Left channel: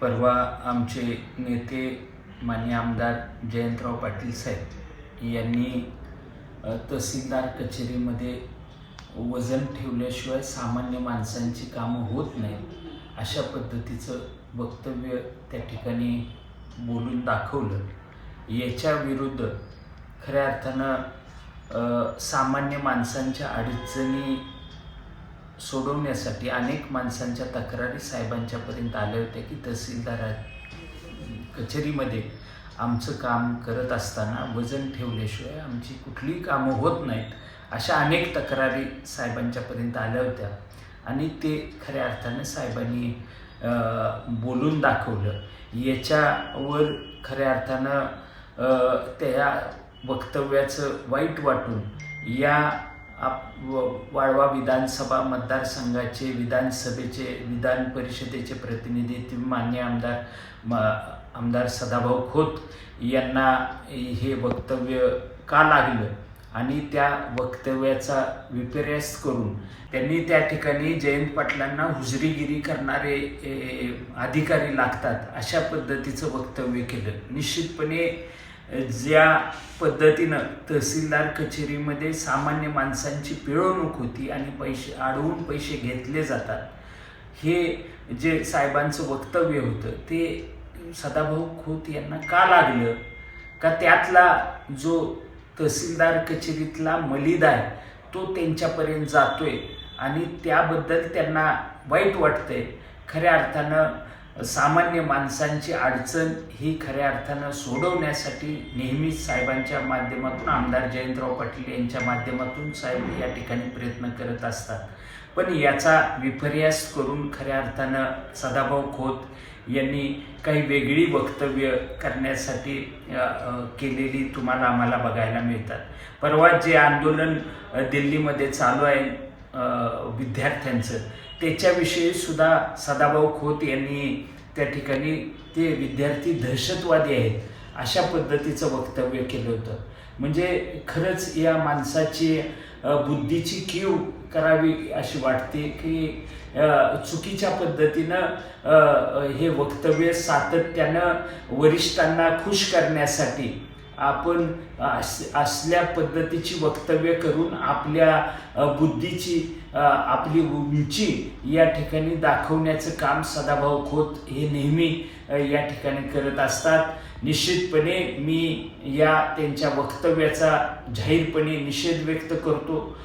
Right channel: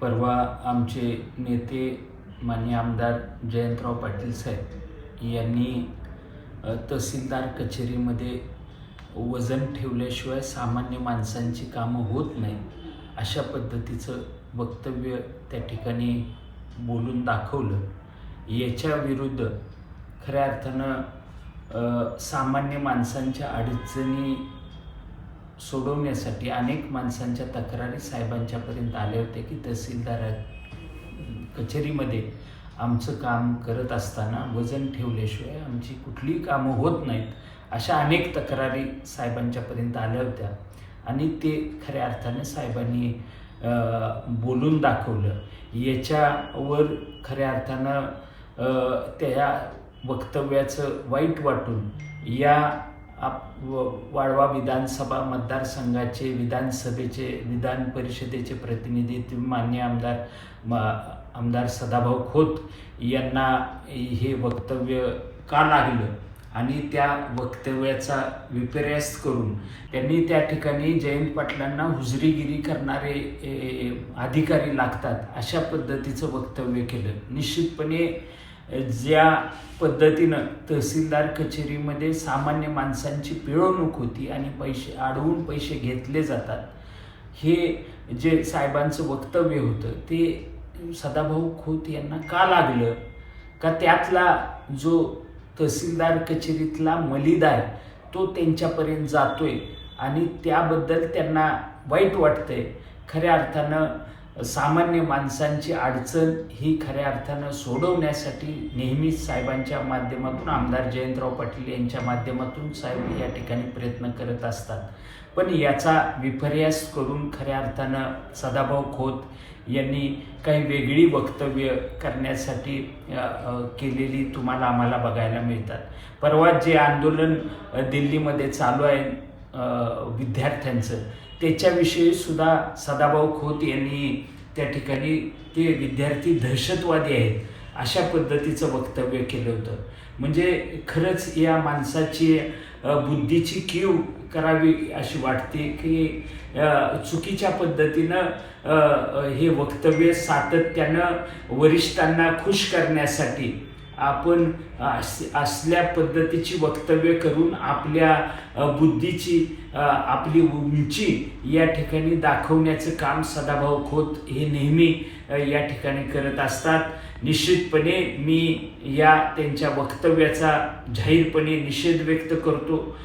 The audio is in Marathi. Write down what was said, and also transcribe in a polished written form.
परवा आमचे नेते माननीय आमदार जयंतराव पाटील साहेब यांनी तहसीलदार कचेरीमध्ये वजन ठेवल्याशिवाय सामान्य माणसांची कामं होत नाही अशा पद्धतीचं वक्तव्य त्या ठिकाणी बोलून दाखवलं. याच्या विरुद्ध खऱ्या अर्थानं सामान्य माणसांच्या अडचणी सोडवण्यासाठी अनेक माणसांच्या तक्रारी साहेबांच्यापर्यंत आल्या होत्या की तहसीलदार कचेरीमध्ये आमचं काम करत असताना वजन ठेवल्याशिवाय आमची कुठलीही कामं होत नाहीत अशा अनेक तक्रारी साहेबांच्यापर्यंत आल्या होत्या आणि ते खऱ्या अर्थानं साहेबांनी बोलून दाखवलं. याच्यावर खऱ्या अर्थानं त्या वक्तव्याचं वाईट वाटून या वाळवा विधानसभा मतदारसंघाचे विधानसभेचे विधान परिषदेचे प्रतिनिधी माननीय आमदार सदाभाऊ खोत यांना हे वक्तव्य का लागलं आणि त्या वक्तव्याचा विपर्यास करून त्यांनी त्या ठिकाणी जयंत पाटलांना हुजरीगिरी करणारे अधिकारी लागतात अशा पद्धतीचं वक्तव्य केलं. निश्चितपणे ज्या पद्धतीनं तहसीलदार कचेरीमध्ये सामान्य माणसांची पिळवणूक होती आणि अडवून पैसे घेतले जातात, हे जे साहेबांचं वक्तव्य होतं ते सदाभाऊ खोत यांना का लागलं? का त्यातला जो तहसीलदार कचेरीतला मलिद आहे तो त्यांच्यापर्यंत जातोय आणि त्याबद्दल त्यांना वाईट वाटतंय. खऱ्या अर्थानं सामान्य माणसांची अडचण ही खऱ्या अर्थानं सोडवण्यासाठी नेहमीच साहेबांच्या माध्यमातून आमदार जयंतराव पाटील यांच्या माध्यमातून साहेब या ठिकाणी प्रयत्न करत असतात. पण याचा विपर्यास करून खऱ्या अर्थानं सदाभाऊ खोत यांनी काही वेगळी वक्तव्य करण्यासाठी केलेली तुम्हाला आम्हाला बघायला मिळतात. परवा जे आंदोलन दिल्लीमध्ये चालू आहे विद्यार्थ्यांचं, त्याच्याविषयी सुद्धा सदाभाऊ खोत यांनी त्या ठिकाणी ते विद्यार्थी दहशतवादी आहेत अशा पद्धतीचं वक्तव्य केलं होतं. म्हणजे खरंच या माणसाची बुद्धीची कीव करावी अशी वाटते की चुकीच्या पद्धतीनं हे वक्तव्य सातत्यानं वरिष्ठांना खुश करण्यासाठी आपण असल्या पद्धतीची वक्तव्य करून आपल्या बुद्धीची आपली उंची या ठिकाणी दाखवण्याचं काम सदाभाऊ खोत हे नेहमी या ठिकाणी करत असतात. निश्चितपणे मी या त्यांच्या वक्तव्याचा जाहीरपणे निषेध व्यक्त करतो.